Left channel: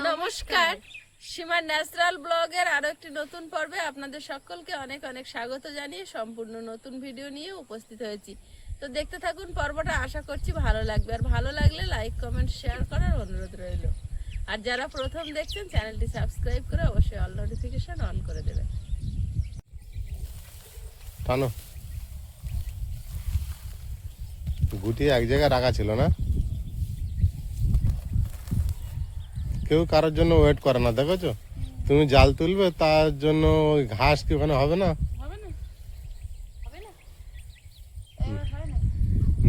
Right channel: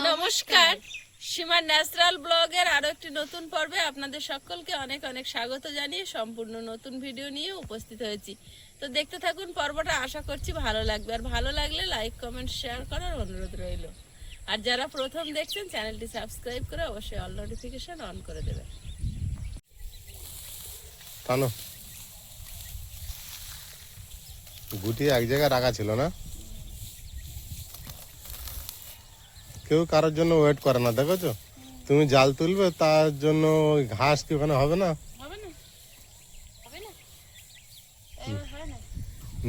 নমস্কার, সীমার ন্যাচারাল ব্লগের আরো একটি নতুন পর্বে আপনাদের সকলকে অনেক অনেক স্বাগত জানিয়ে সম্পূর্ণ নতুন ভিডিও নিয়ে উপস্থিত হয়েছি। তো দেখতে থাকুন পর্বটা, আশা করছি ভালো লাগবে। আর ভালো লাগলে লাইক কমেন্ট শেয়ার করার অনুরোধ রইল। আর যারা প্রথম দেখছেন চ্যানেলটি সাবস্ক্রাইব করে অবশ্যই অল নোটিফিকেশন অন করে দেবেন। টানো গুটি এক জায়গায় রাখা ছিল না, কেউ কারোর জন্য ওয়েট করে না। দেখেছো, তুমি জাল তুলবে তার জন্য ওই ঘাস কি ওখানে হবে না?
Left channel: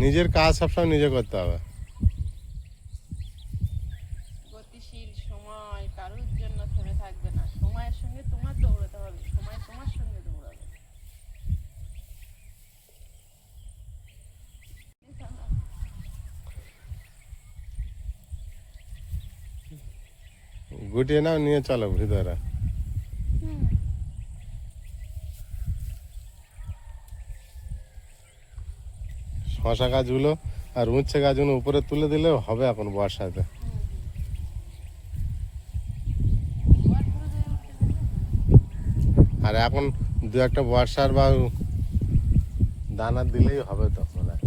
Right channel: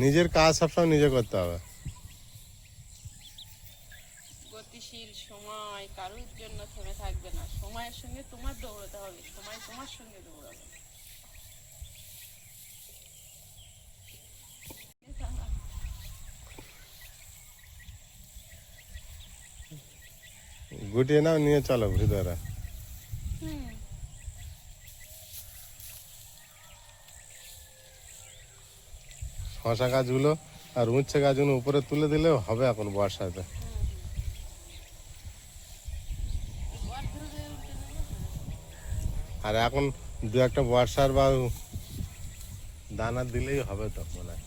নিজের কাজ সবসময় নিজে করতে হবে। গতিশীল সময় কারোর জন্য থেমে থাকবে না, সময়ের সঙ্গে তোমার দৌড়াতে হবে, সময় তোমার সঙ্গে দৌড়াবে। গুটিয়ে নাও, নিয়ে চলো ভিতরে। শশা গাছগুলো আর উচ্ছে গাছগুলো উপরে তুলে দিলেও হবে এখন বর্ষাতে। আর এখন দু একটা বর্ষার বা দানা দিলেই হবে তো মনে হয়।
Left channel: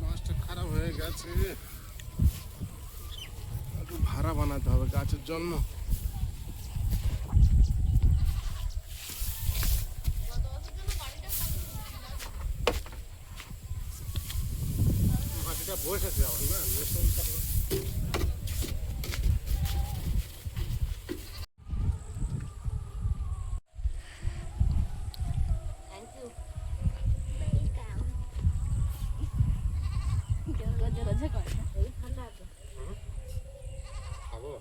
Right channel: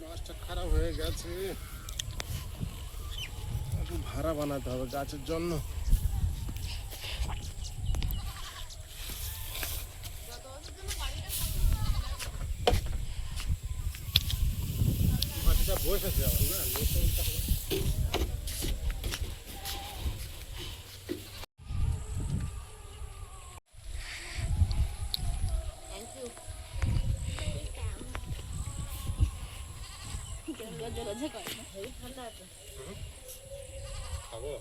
মাছটা খারাপ হয়ে গেছে, ভাড়া বানাতে হবে গাছের জন্য। বসেছে আমার না, খাবো।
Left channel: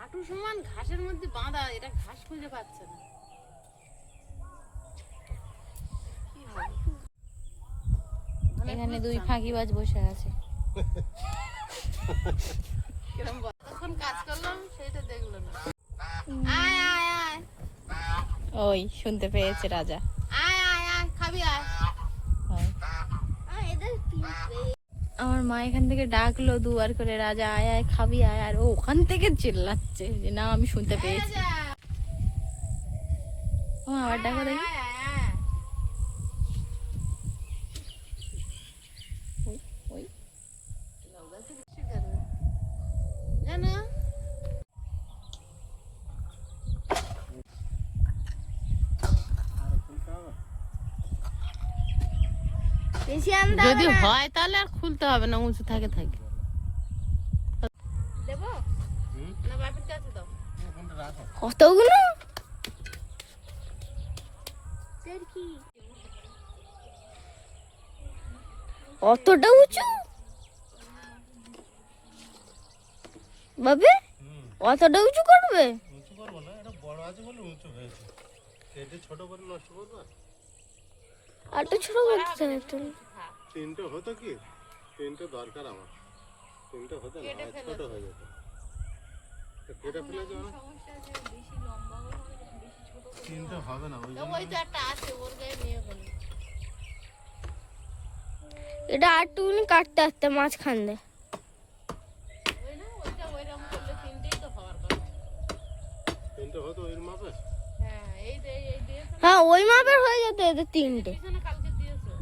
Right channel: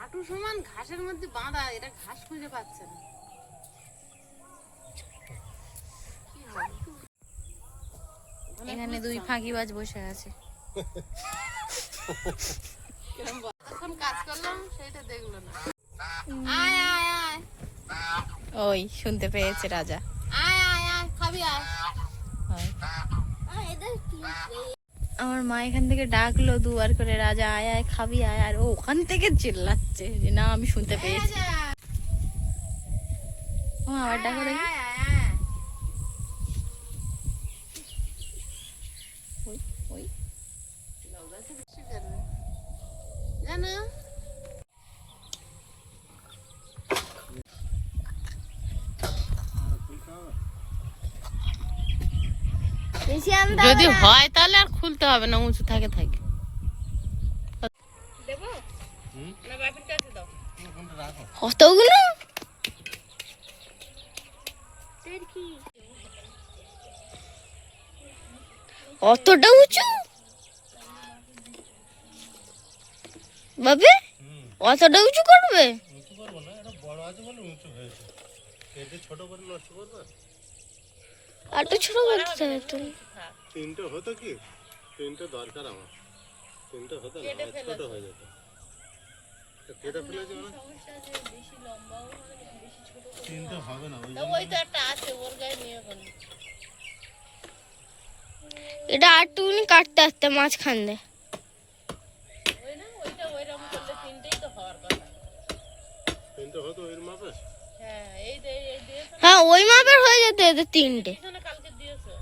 হাঁটু সমান ঘাসের মধ্যে বাঁধা, এটা ঘাস খুঁজে পাচ্ছে না। এখানে দুই ফাঁকিবাজ বসে আছে। তখন কাজ করলাম সেটা দেখলো না। ওই শুনতে পেয়েছে রাজা। খাবি আয়। আমার মা এখান থেকে ডাকলো দুবার করে, রাজা আয় আয় খাবি আয়, আর ও ওখান থেকে চিল্লাচ্ছে যে না আমি শুনতে পেয়েছি। ও আবার ডাকো দেখি। ওই জানো যদি হয় তাহলে আর খুলতে হবে না, উঁচু থাকে থাকে। দেবো না বাপের কাছে দাও। কতগুলো অতটা উঁচু বাবে, অতটা উঁচু করবে? উঁচু করবো না, এটা বড় আছে বলে উঁচু হয়েছে। এটা ছোট করে নষ্ট করবে। আর তো ছোট করতে হবে তো। তিনটে হতো কি, তিনটে দরকার আমার, তিনটে হতো না, ছোট হয়ে যেত। কেটে ফেলেছি মানে তিনটে হবে না, ওই জন্য। ওই তো একটা আছে ওর গায়ে নিয়ে গেল। এটা আর টুকুনি কাটতে আসতে মাঝখান দিয়ে। ওই না ওইটা ওইরকম করলে তিনটেই তো হওয়ার কথা। তিনটে হতো ওই মাপে। হ্যাঁ এই দিয়েছো হ্যাঁ ওই মাপের হয়ে যেত এদের তিনটে। না, কালকে দিয়েছো।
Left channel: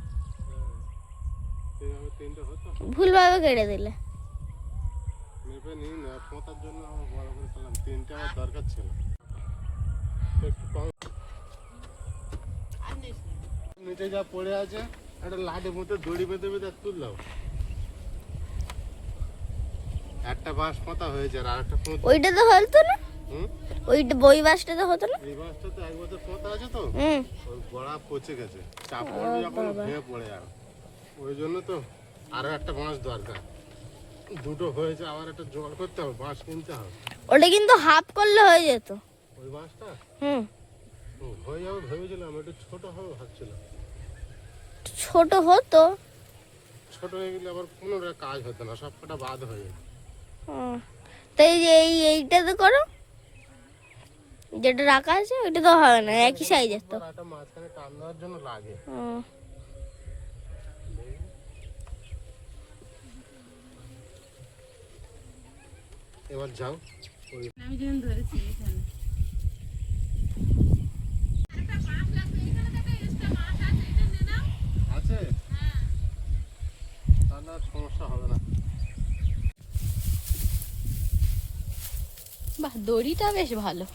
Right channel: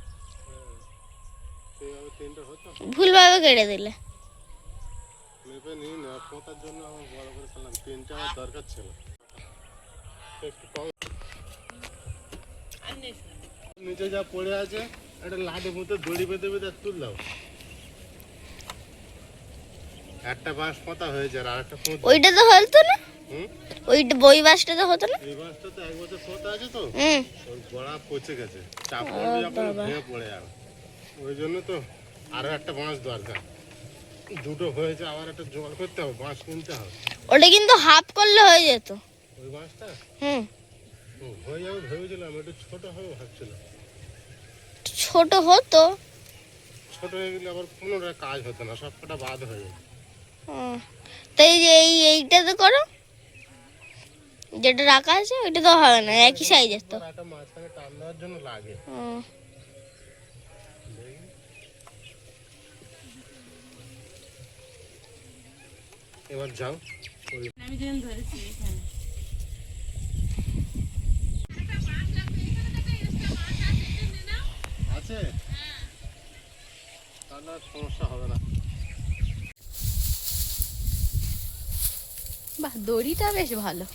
সেইভাবে তিনটে হতো। ভুলভাবে কেটে দিলে। মেপে নিই না, পোঁতার জন্য আমার বড় করে ফেললাম। তিনটে আমার দরকার ছিল। একটু কম নিচে যা পড়ে আছে, একটা লাঠের মতো দড়ি বেঁধে বেঁধে তুল দাও। একটা বাঁশ পোঁতা হয়েছে আর একটা ওইটা তো হতো না, ওইটা বই বাসটা তো হতো না। এই বাঁশটা তো এক বছর পোঁতা আছে তো, হুম ওর গোড়া পচে গেছে, চাপ পড়বে যখন ভেঙে পড়ে যাবে। ওই জন্য তো আরো একটা বাঁশ দরকার, দুটো হয়েছে, আবার একটা জোগাড় করতে হবে, বাঁশ কিনতে হবে। ওটা কিন্তু হাফ করলে হয়ে যেত। ওই বাঁশটা হুম, হয়ে যাবে ভেবেছিলাম, একটু ছোট হবে ভাবছিলাম। ছোট হতো। ছোট হয়ে গেলে আবার পুনরায় কাজ হতো না, সব কটা বাদ হয়ে যেত। তাই যে এইটাতে করো, যেটা রাখা আছে ওইটা তো হবে না, একই সাইজের তো। একটা মাঝখানে টান দেওয়ার জন্য লাগে। এবার যাও আমি যখন ধরেছি এখানে আছে, তাহলে আর সমস্যা হবে না। বাহ, দড়িটা বেশ ভালো।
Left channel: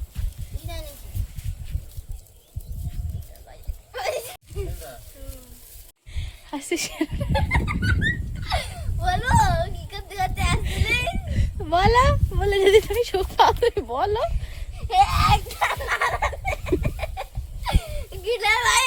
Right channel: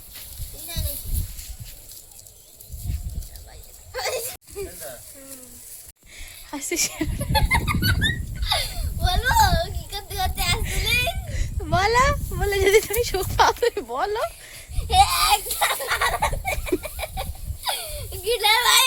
বলো কি করতে করতে আসলে, বলো বলো, যদি তুমি সুখ পাও তুমি বলো। গিলা ভাই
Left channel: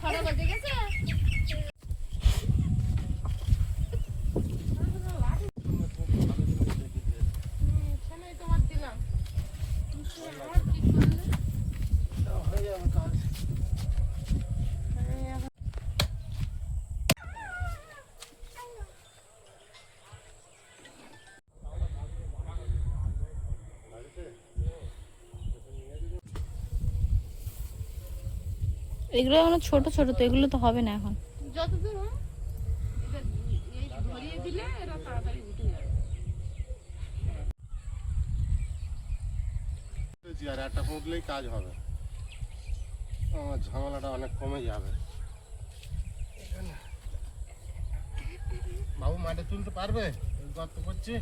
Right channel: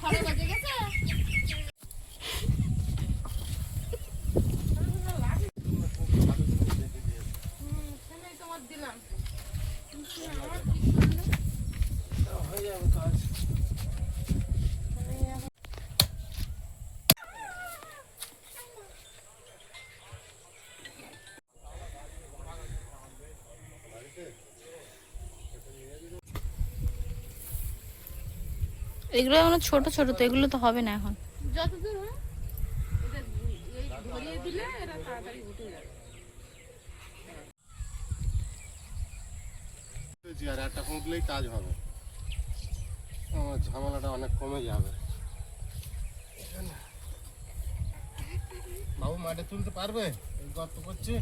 ছড়া বাজে গেছে। হয়ে যাবে কাজ। এগুলো এখন ছোট ছোট তো, এগুলো তো হবে না এখন। যতদূর হয় এটা এই ধরিয়ে দিলে এরা তাড়াতাড়ি উঠে যাবে। আর একটা পুঁতলেই কাজ হবে, আমার ঝামেলাটা অনেক কমে যাবে। বাবু মাঠে তুলতে পারবে? এই গর্ত করছি।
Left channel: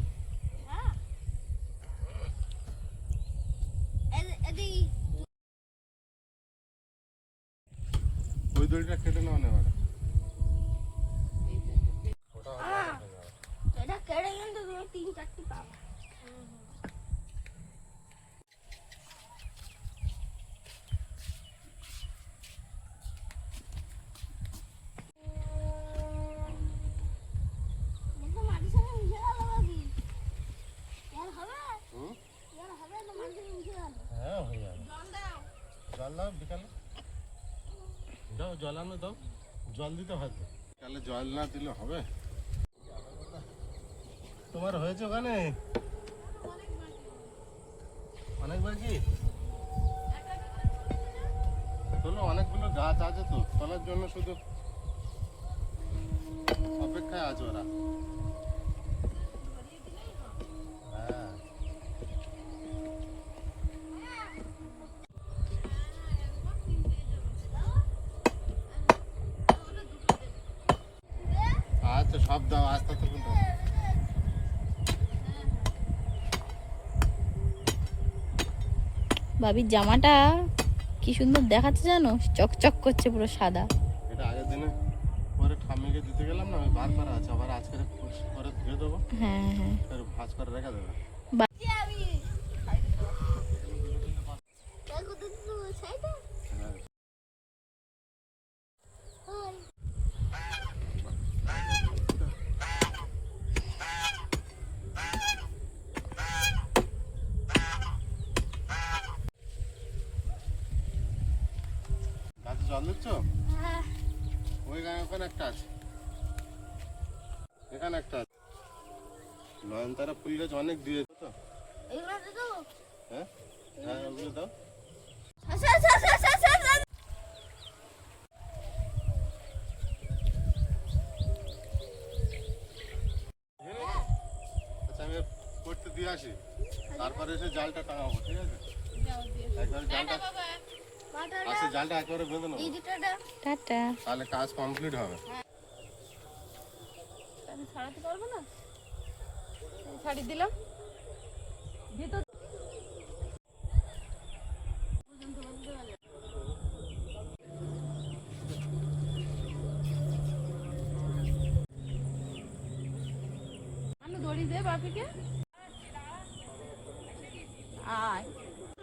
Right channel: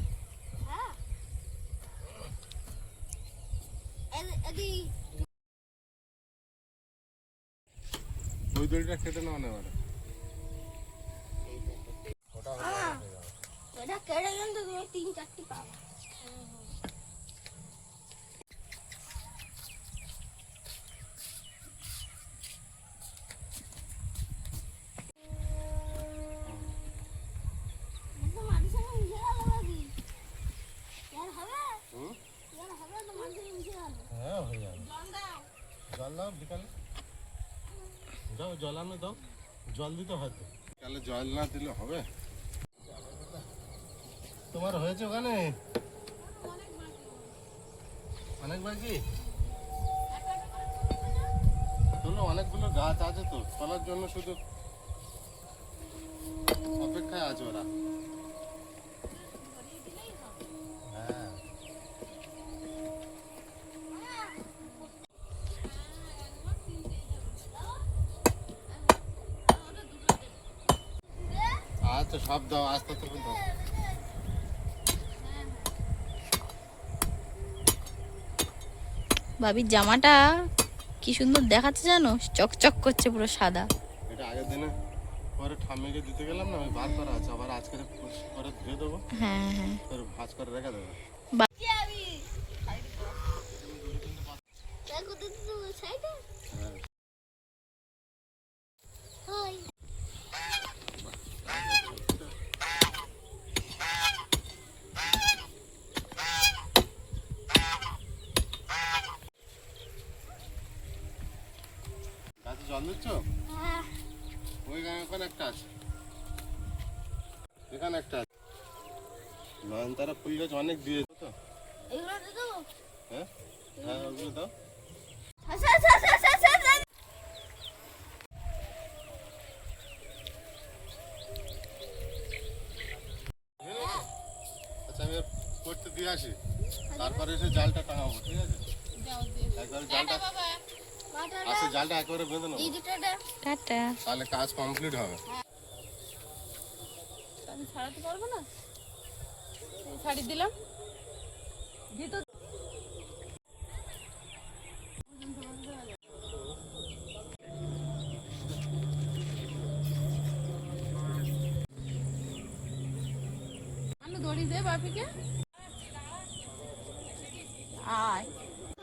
ওই দড়িটা কেটে নাও না এবারে। এটা কেটে কিন্তু তুমি 3-4টি পাবা। হ্যাঁ হয়ে যাবে। জল দাও বিকালে, যাও জল আনো, দাও জল দিতে হয়তো। বিকালে জল না দিলে হবে? তোমার হয়েছে ওখানে অনেক বাকি? তোলো, অনেকগুলো গাছ আছে তো, তোলার জন্য শুধু অপেক্ষায় আছে ওরা। হ্যাঁ আচ্ছা, সব দাও, আস্তে আস্তে করে দাও। ভাবির জামাটা কি সুন্দর দেখাচ্ছে জানো, চকচক করছে পুরো সাদা। এটা আগের দিনে পরে ঠাম্মিকে দিতে গেলাম না, ওই বার করা আছে, আবার আজকে পরে ধুয়ে দেবো, হ্যাঁ হ্যাঁ। ফের ভাঁজ করে রেখে দেবো। গাছে জল দিচ্ছ? ওই ওখানে একটা আছে, এখানে একটা আছে। নয়নতারা ফুল গাছ অনেক দিয়েছে তো। হ্যাঁ হ্যাঁ, ওগুলো দাও। আচ্ছা, আমি করতে দিয়ে আসি, তারপরে এসে জালটা টাঙাবো, ঠিক আছে? একবারে জালটা আছে, জালটা একেবারে বেঁধে নেবো, টাটা। তাহলে কাজ কমপ্লিট হবে। আমি ছাড়াতে পারবো না, ছাড়ি দিলাম ভিতর। বাপিকে। আয়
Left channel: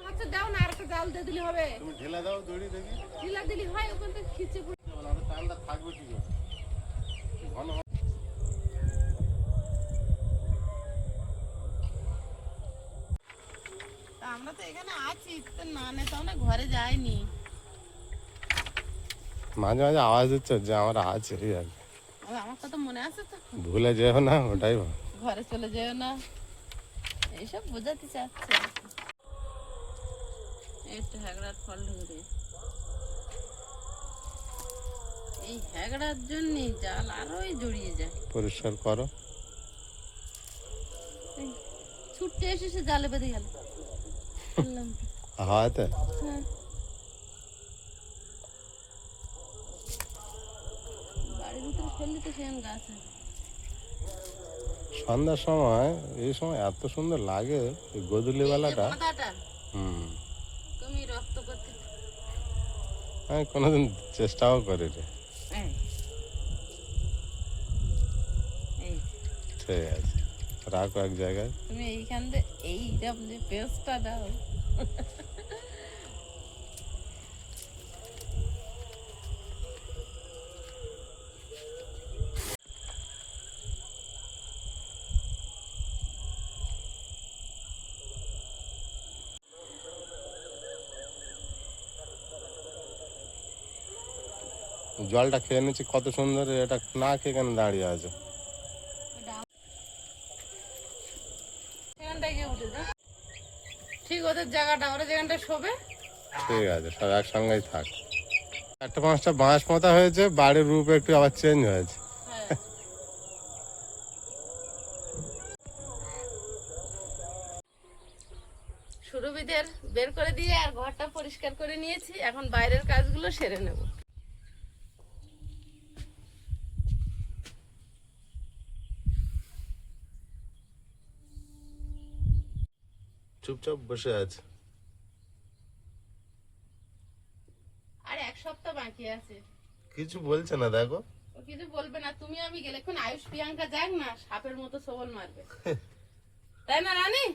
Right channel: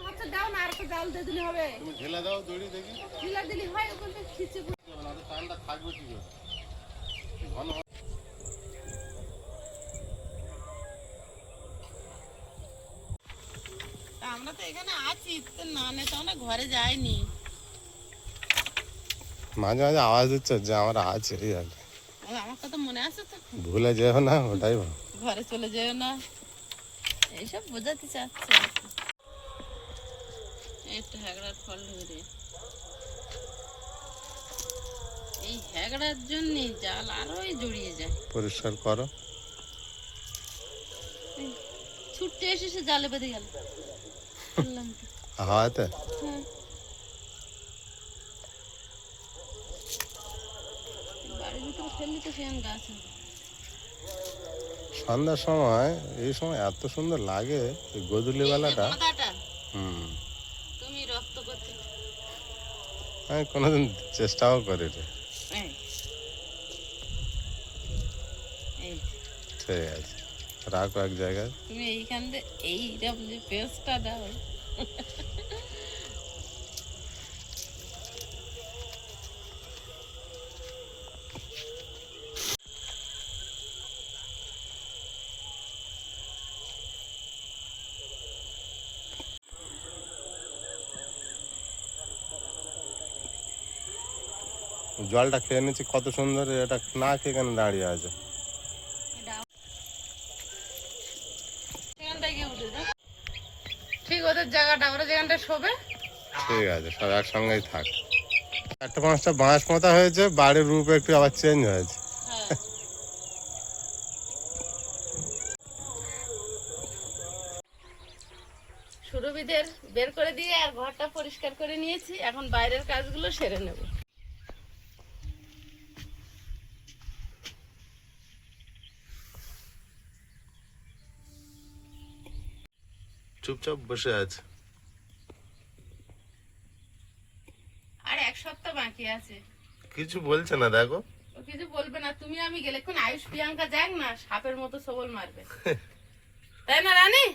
আচ্ছা দাও না, আর একটু জাল দিয়ে দিলে হবে। তুমি ঢেলা দাও দড়ি দেখি। ঢিলা দিলে হয়, ওখান থেকে খিচে টানটা থাকবে কি করে? ঘন তা আমরা তো এখানে আছি, তো না নেতা না ঘরে যাইনি। মাঝে মাঝে আওয়াজ দিচ্ছে যে আমরা আছে, এই আর কি। আমার কথা মনে আছে তো? ভুলে যেও না, ওটাই ভালো। ঘরে চলে যেও না, এইসব বোঝাতে চাচ্ছে। একটু হ্যাগড়ার ফল ধরে, এই হ্যাগড়ার জন্য জাল আরোই জড়িয়ে যায়। পরিষ্কার করো। ছুটতে এসে সে জালে বেঁধে গেল। বললাম তো। হাওয়াতে হ্যাঁ, বাড়ির ভিতরে ফেললে তো সেখানে গাছ হবে। সন্ধ্যার সময়, এই সময় এত সুন্দর লাগে এই গোধূলি বেলাটা। এই যে মাথাটা হুম, তুমি রক্ত করতে। আমি কোনোদিন চেষ্টাও করি রে। এই এই ঠিক আছে, রাখো এক জায়গায়। তুমি এইখান দিয়ে এইটা যে পেস্টটা দাও। জলটা খেয়ে নিচ্ছি কত সুন্দর, এটা না খেয়ে কেন দাঁড়িয়ে আছে? সেখানটায় গিয়ে উঠে দাও। ঠিক ওদের জায়গাটা, ওরা যেখানটা শোবে। ঠিক আছে, সব একসঙ্গেই থাক। 4-5টা বাঁশ পোঁতা হয়েছে, বাড়ির রূপ একটু আবার চেঞ্জ হয়েছে। হ্যাঁ, সুরভিদের বের করে দিয়ে আর ঘরটা পরিষ্কার করে নিয়েছি, এখন বাইরের কাজগুলো সেরে নেব। চুপচাপ বসে আছে। আর এক সপ্তাহ বাকি আছে। কিছু বলছে না, দেখো। ও কিছু বলবে না, তুমি আমি গেলে কোন আয়ুষ প্রিয়াঙ্কা যাক না, সাপের মতো সবল মারবে। তাই না রানী?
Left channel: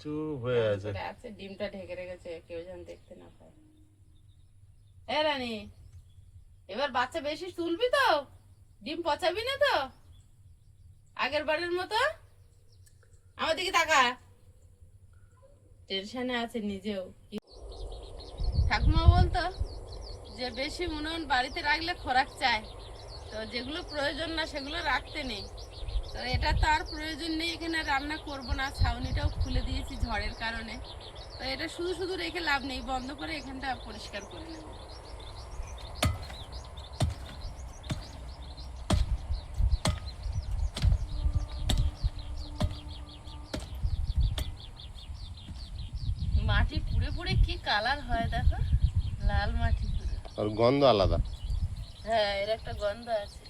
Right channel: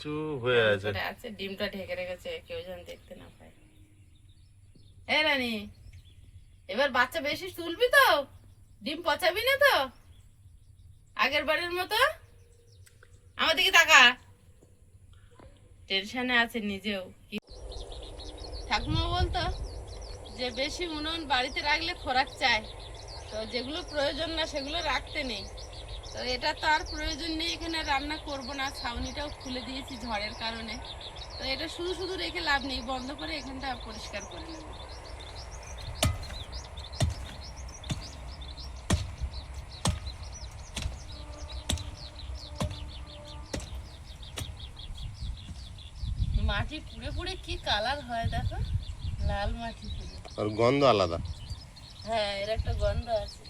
চুপ হয়ে আছে। ওটা আছে, ডিমটা ঢেকে রেখেছে, কেউ যেন দেখতে না পায়। এ রানী, এবার বাচ্চা বেশি তুলবি তো? ডিম পচাবি না তো আগের বারের মতো? আমার দিকে তাকা। টেনশনে আছে নিজেও। ঠাকুমা বলতো যে বেশি উনুন বাড়িতে রাখলে খোরাক চায়, তো যেগুলো প্রয়োজন না সেগুলো রাখতে নেই। তো এটা তো আর প্রয়োজন নেই, এখানে রান্না করব না, ছাউনিটাও খুলে দিয়েছি ঝড়ের কারণে। তো এটা শুধু শুধু রেখে লাভ নেই, বন্ধ করে এখানটা পরিষ্কার করে নেব। মাটি পুড়ে পুড়ে কি কালার হয় দেখো, লাল মাটি পুরো। আর গন্ধ আলাদা। হ্যাঁ, এর একটা গন্ধ আছে।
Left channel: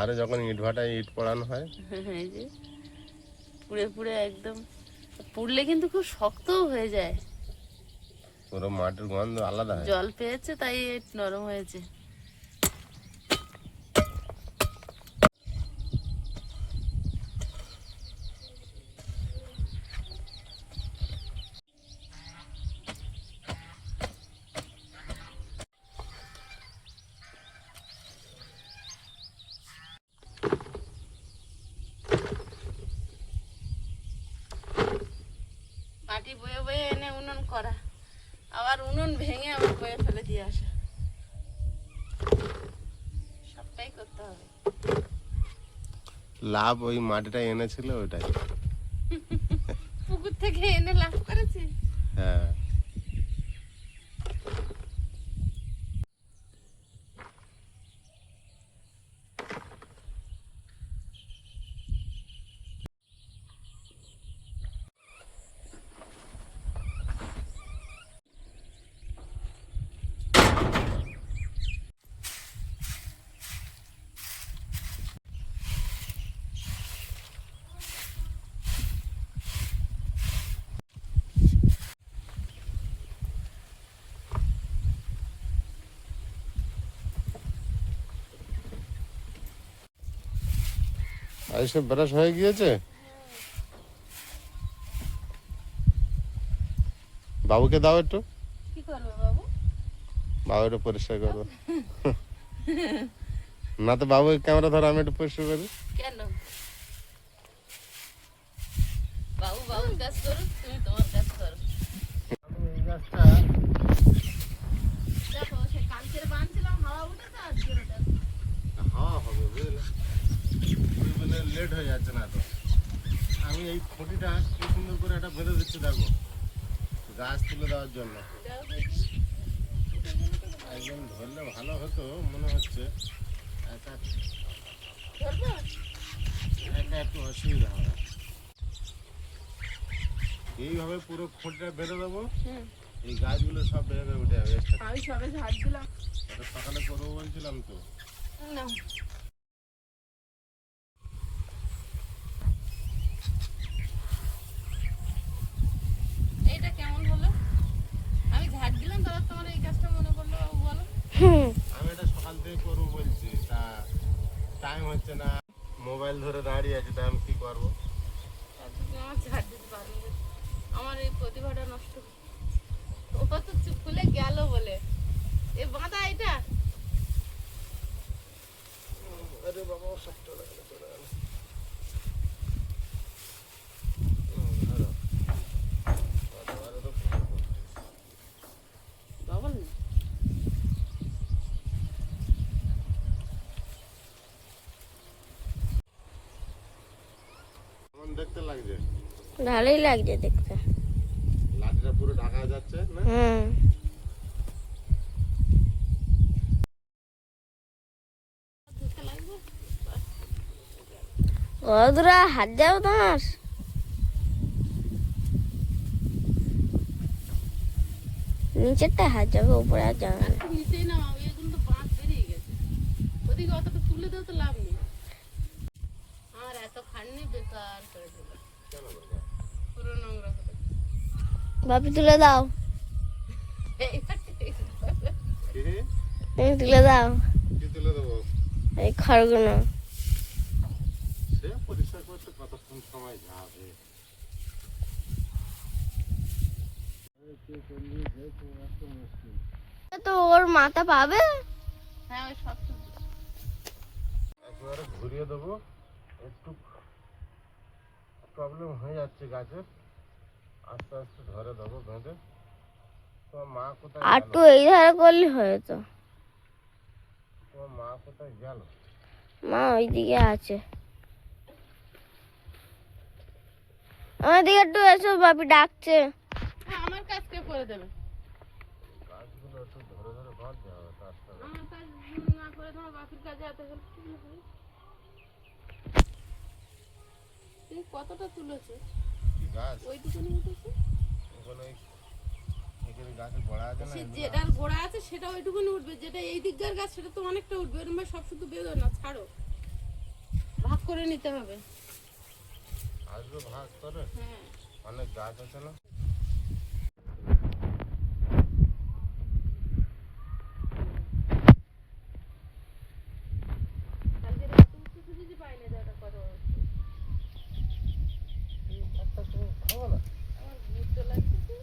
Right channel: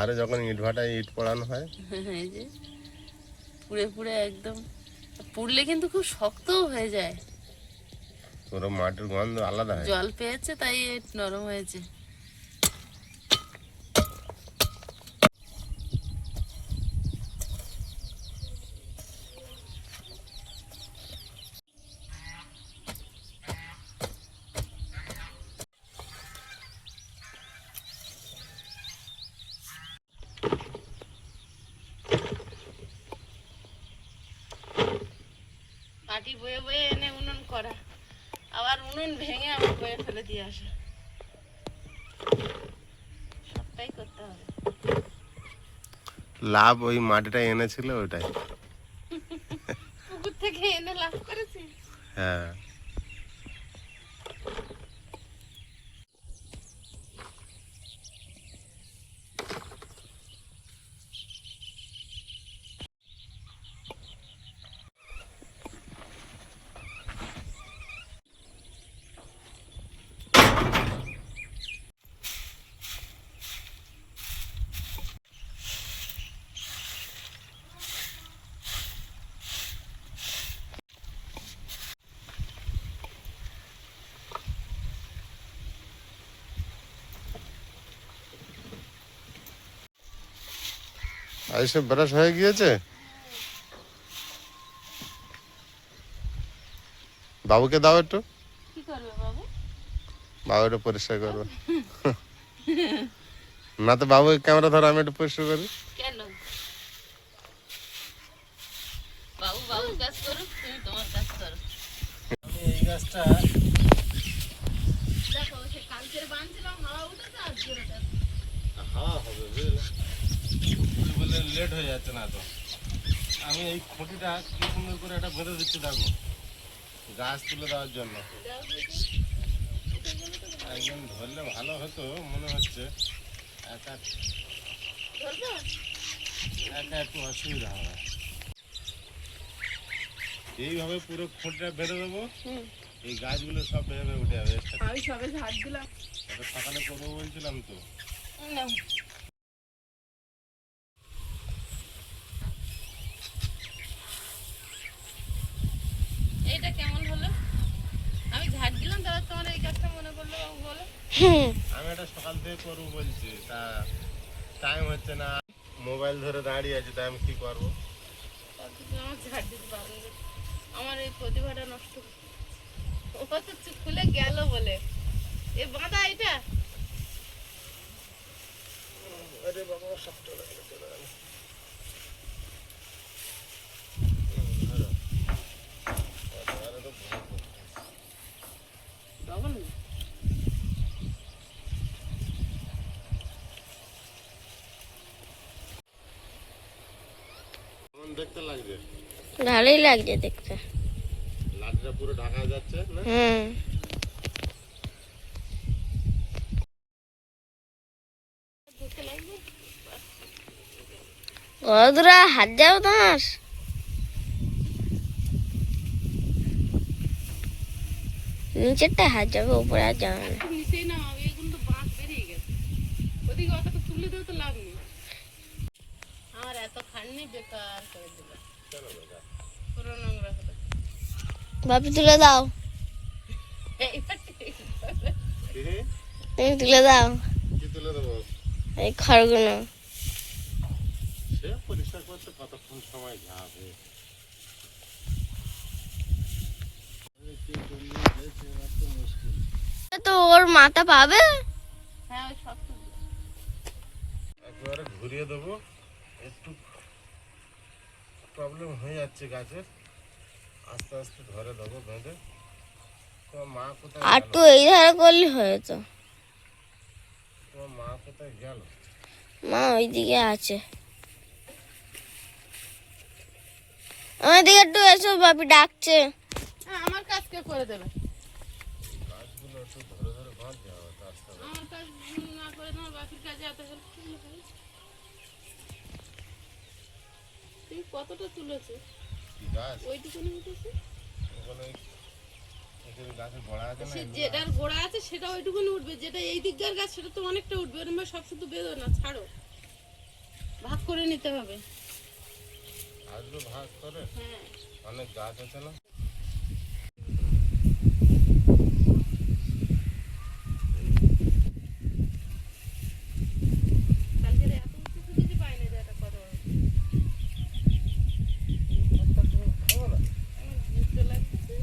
আরে যখন ইট ভাটায় ইট পোড়ানো হয়, এই যে পুড়ে পুড়ে একদম, পুড়লে কিন্তু খুব শক্তও হয়ে যায়। পুরো মাটির গন্ধ আলাদা হয়। জল পেয়েছে তাই নরম হয়েছে। মাটি বয়ে বয়ে এনে উনুন করা, আবার উনুন ভেঙে আবার বয়ে ফেলে দিয়ে আসা, সবটাই করতে হবে। লাভ ওই মাটিটা এনেছিল ওইটাই। পুকুর থেকে এনে লাভ করেছে। হ্যাঁ, আইসে ব্রাশ হয়ে গিয়েছে। বাবুকে দাও একটু, কি করবে বাবু? বাবু একটু পরিষ্কার করবে। না তো বাবু ক্যামেরা ধরো, আমি একটু পরিষ্কার করি। কেন? বাবু বাবুর কাজ করুক, তুমি তোমার কাজ করো। আমি এই গাছটা দেখো সে কালকে বাঁধছিলাম, হাওয়া উঠেছে আর জোরে হাওয়া হবে বুঝলে, বলে লেট হয়ে যাচ্ছে না তো। আমি এই খুঁটিটা কি সুন্দর করে এটা বেঁধে দিচ্ছি, দেখো গাছ তুলে দেওয়ার জন্য। একজন ধরলে ভালো হতো মনে হচ্ছে, একা একা একটু অসুবিধা হবে। এইভাবে পুরো খুঁটিটা বেঁধে দেবো, এই গাছগুলো সব বেরোবে উঠে যাবে। আমি সবে ঝাড় দিলাম। ওটা সকালে করবো বলছিলাম তো। না এইটা কেমন হলো? আমি ঝাড় দিলাম, তাহলে তোমার এই কাজটা মনে পড়লো বাবু, বলো? আমি এটা সকাল থেকে করবো বলছি, তা টাইম হচ্ছে না, মোবাইল ধরে দাঁড়িয়ে আছে, তাই আমি কি করবো? আমার ঝাড় দিতে পারবে, আমার এই প্রতিভাটা নষ্ট। ও তো চুপ খুলে গেল বলে এ বাঁধা এটা। আরে বাবা, সব চলে গেল, চলে গেল। ডবল কেমন দেখতে লাগছে? ভালোই লাগছে দেখতে। লাঠিটা পুরো ঢাকা যাচ্ছে না? ওরা হাত যাও তোমার, নিচেরটা হাত যাবে, উপরে আর যাবে না। নিচেই না, এগুলো তো বাঁশ বেরিয়ে গেছে, ওদিকে অতটা তুলে দেওয়া তো লাভ নেই। আমার এত খাটনি বেকার করে দিল, পুরো নোংরা করে। বাপি তুলে দাও, তুমি তুলে দাও কি তুলে দেবো? এই খড়গুলো। সে পরিষ্কার করতে কতক্ষণ সময় যাবে? তো ওর মাথা পাবে। হ্যাঁ ওই সব তো একেবারে ঘুরিয়ে দেবো, একটু প্রবলেম হয়ে যাচ্ছে গাছের, আস্তে আস্তে ধরে দেবো বেঁধে। তোমার মা কোথায় আর গেল? তো এই ধারে করলে হয়েছে। তোমার মা কোথায় গেল? মা ওইদিকে আছে, আমার দিকে একটু এসো, বাপি ডাকছে। হ্যাঁ, আমার কাজ কে করে দেবে? গাছগুলো একটু ধরে ধরে বাঁধতে হবে তো, আস্তে আস্তে। আমার কাজ না করে তোমার বাকির কাজে এত হেল্প করলে হবে? তুমি কতটা তুলেছো? কি গাছ? ওইটুকুনি উঠেছে। ওখানে এখানে গাছের গোড়া আছে না, সে এগুলো যেটার গোড়া আছে সেটা ওইটুকুনি উঠবে, যেটা এই দিককার গাছ সেটা তো অনেকটা উঠবে। এরকম ভাবে সব শুধু বেঁধো না, ছাড়ো, ভাগ করে নিতে হবে। আসবে ভাগ করে, হ্যাঁ অনেক গাছ আছে না। কালকে এত উঁচু খুঁজেছি পাইনি, যে এটা কত বড়। খাবো না। আমার ঘুরতে লাগতেছে।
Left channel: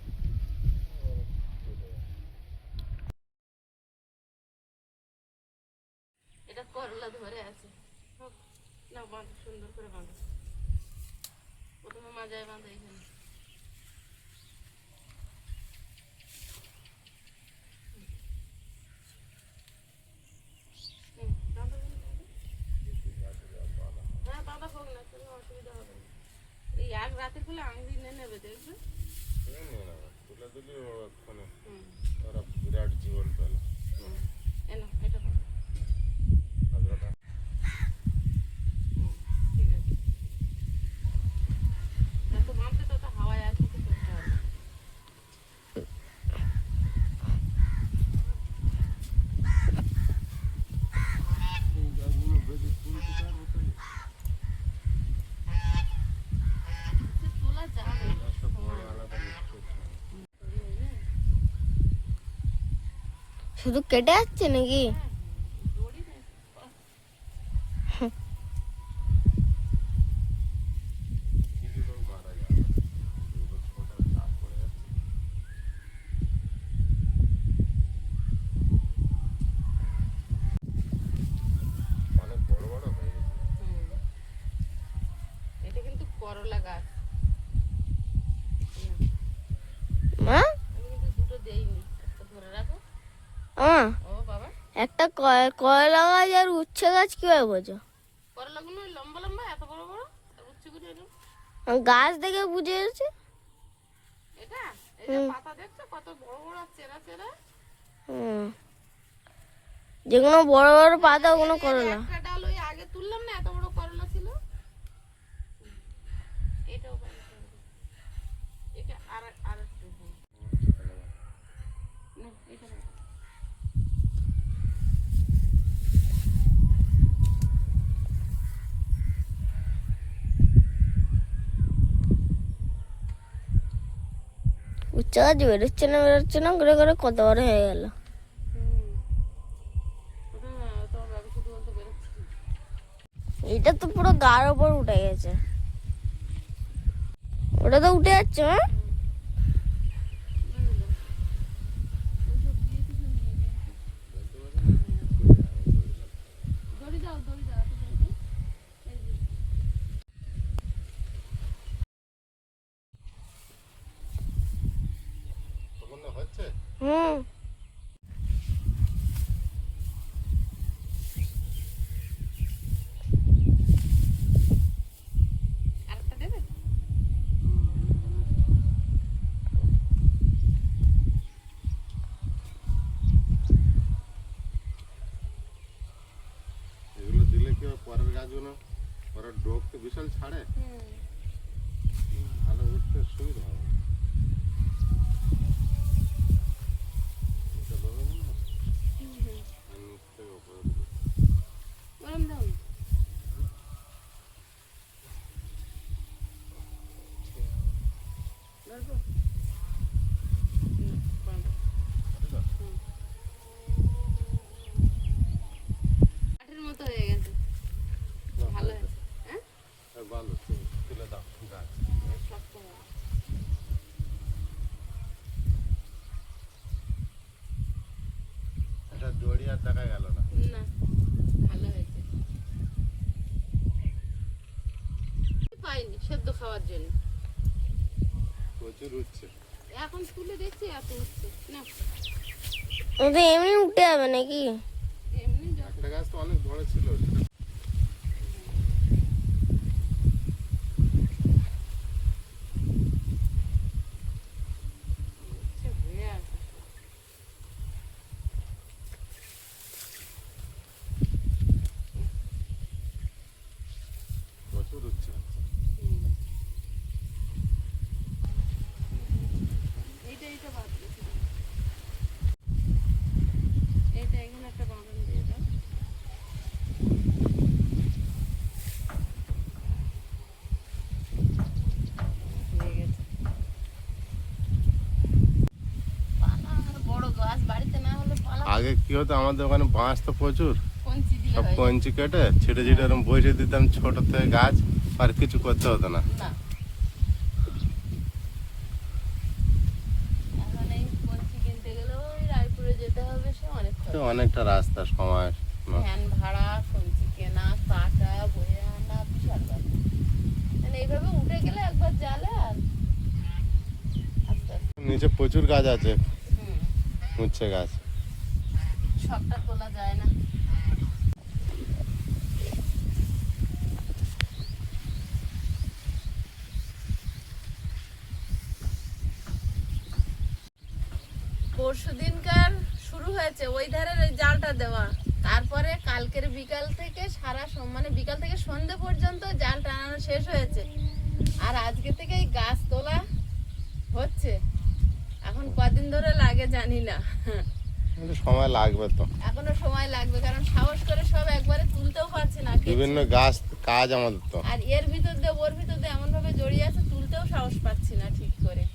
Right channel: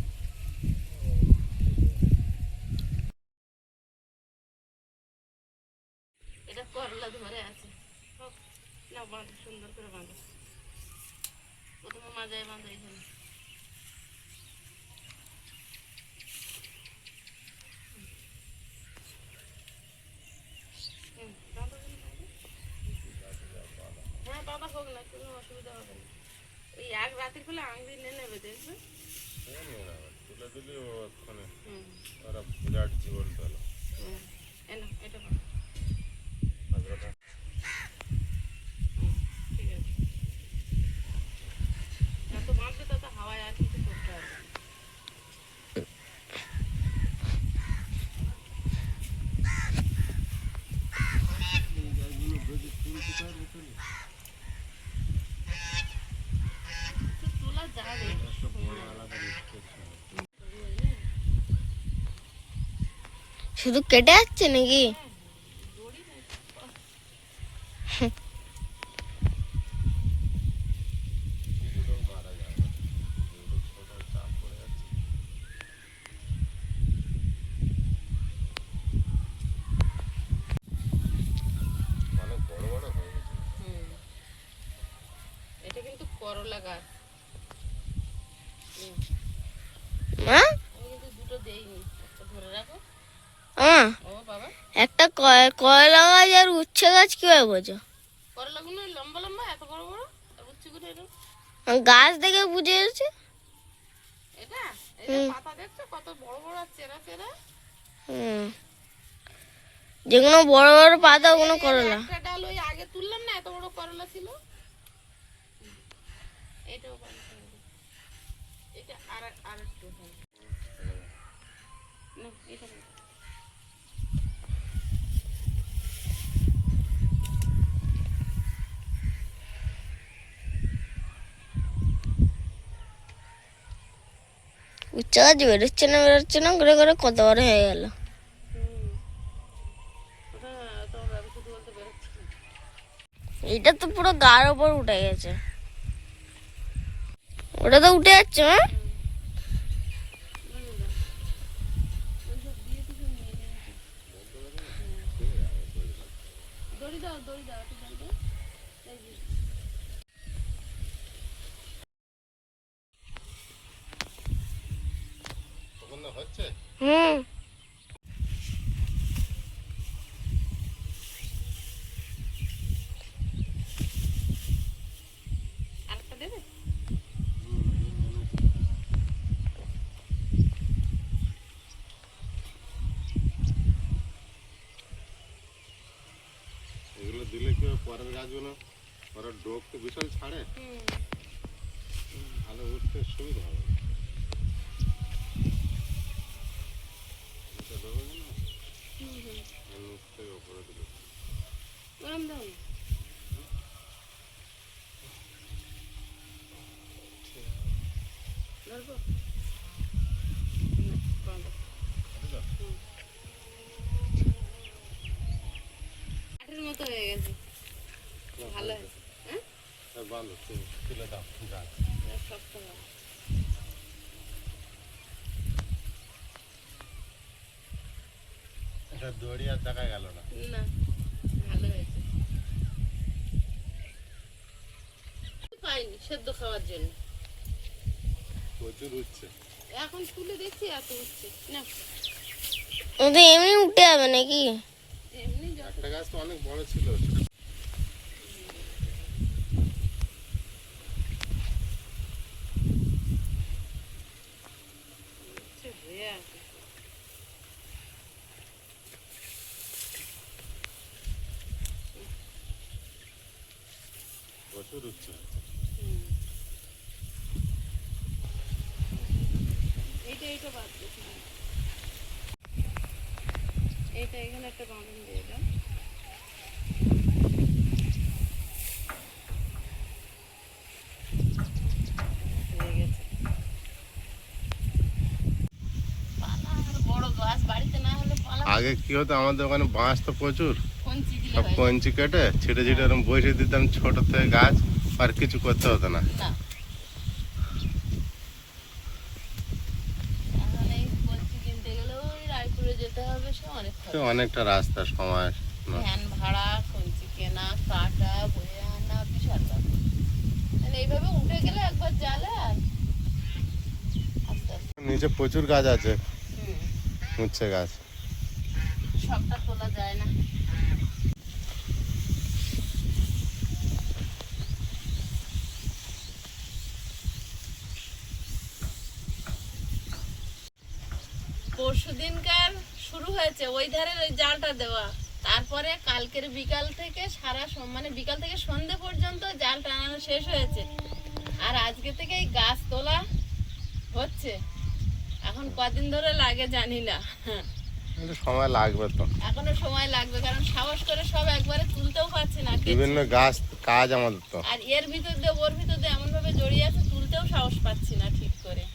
এটা করলা ধরে আছে, হোক না, বাঁধো সুন্দর করে বাঁধো। প্রথমে মাজায় বাঁধো এখানে। বাঁধো এখানে, বাঁধো। হ্যাঁ বাঁধা হোক না, কোনো অসুবিধা হবে না। ওই এক রাতের ফেলে আঙুলি নিয়ে নেবে, দেখবে। তুলে দিলি ও ওখানে হুম ওরা বিরাট জীবন পেল। হুম এনো এটা বাঁধো। আগ্রহটা হুম ঠিক আছে। যত বাঁধবে তত হাওয়ায় আর কিছু করতে হবে না। এই গাছগুলো বেঁধে তুলতে পারবো তো? সে তোলা যাবে। একটা বড় আলাদা লিস্ট করছি। শুধু কেটে যাচ্ছে নাকি? দড়ি নেই। করলা গাছ। মা আমি কিন্তু দুটো দেইনি, একটা ধরে রাখো। ও বাবা, একটা কয়লা গাছ আর উচ্ছে গাছ কিভাবে বোঝো? করলাগুলো লম্বা লম্বা এত বড় বড়, আর উচ্ছে করে এরকম। গাছ দেখে বুঝে যাচ্ছে। এটা এই যে পাতা দেখছো কত বড় বড় আর চেরা চেরা। যেগুলো বড় বড় পাতা ওগুলো করলা। একটা ডাল ওই আগে তুললাম না, এত বড় করলা ছিল। এটাও ভালো হবে। এটা আর একটু না, এটা না। উচ্ছে গাছ বেরোচ্ছে না করে করে কত বড় হয়ে গেল। ওটা তোমার বাবা শুধু বলতে বেরোচ্ছে না। এটা তো পুরো গার ওপর উঠে গেছে। ওটা তো উঠে যাচ্ছে। দড়ি দাও, দড়ি দাও, একটু দড়ি দাও। এই যে। তখন না হচ্ছে হুম আরেকটা দেবে? এগুলো দিলে কি হবে, পরের গাছগুলো পরের ডোক তো বিশাল ছাড়ে, ভালো উঠতে সুবিধা হবে। এটা দেবে না, আর নিচ থেকে উপরে দিলে গরম দাও না। ধরবো? গরম দাও। কাঠের মতো হয়ে গেছে। ভালো হয়েছে। হ্যাঁ, ভালো তুলে দাও গাছ। শক্ত হবে। এটা দড়ি আর দেখা গেল না। না, ভালো হয়েছে। পাইনি সেদ্ধ খাওয়ার জন্য। প্রচুর উঠছে। এখন তুলে দেখছি এত উঠছে না। ওটা এমনি উঠে যাবে নাকি? এমনি একটা গাছ তো অনেক বড় ছিল, সেটা হয়ে আছে। প্রচুর উঠছে। এইটা বাদ দিয়েছি। এইটা এখানে একটা বাঁধন দিয়ে দাও। হয়ে গেছে। পালা আর বড় গাছ বাড়িতে না হলে পালা আগে কি হতো, আমাদের ওখানে বাঁশ তো প্রচুর, কঞ্চি দিলে সব হয় কঞ্চি কেটে ছিটে ছিটে এরকম বসে দিতাম ছোট থেকে গাছ, আর কিছু করতে হতো না। না। এখন এই কঞ্চি কিনতে গেলে ওই রায়পুরে যেতে হবে, সে অনেক তো খরচ। অনেকটা রাস্তা, সময় ভ্যান ভাড়া, কঞ্চি কেনা, কাটা, বয়ে আনা, বিশাল ব্যাপার। মানে এইভাবে উঠে গেলে একবার জালে আর আস্তে আস্তে। নিচে প্রচুর গাছ আছে, হুম, উচ্ছে গাছ। সবটা তোলা যায় না। পরশু দিনকার শুরু হয়েছে ওই ধারের ওই জালটা দেওয়া, তারপরে কালকের বিকাল থেকে মানে বিকাল থেকে সন্ধ্যে পর্যন্ত জাল টানানো শেষ হয়েছে, আর আজকে থেকে এই গাছ তোলা হচ্ছে। এখন কদিন ধরে লাগে জানি না, কিন্তু সময় লাগবে তো, এখনো সময় লাগবে, কারণ সাহস করে সব একবারে তুলতেও পারছে না কেচে। বিভিন্ন গাছ কাজ আমাদের তো। আর এর ভিতর দিয়ে ওর ভিতর দিয়ে এমন ভাবে জড়িয়ে আছে, তুলতেও সাহস পাচ্ছি না ঠিক করে।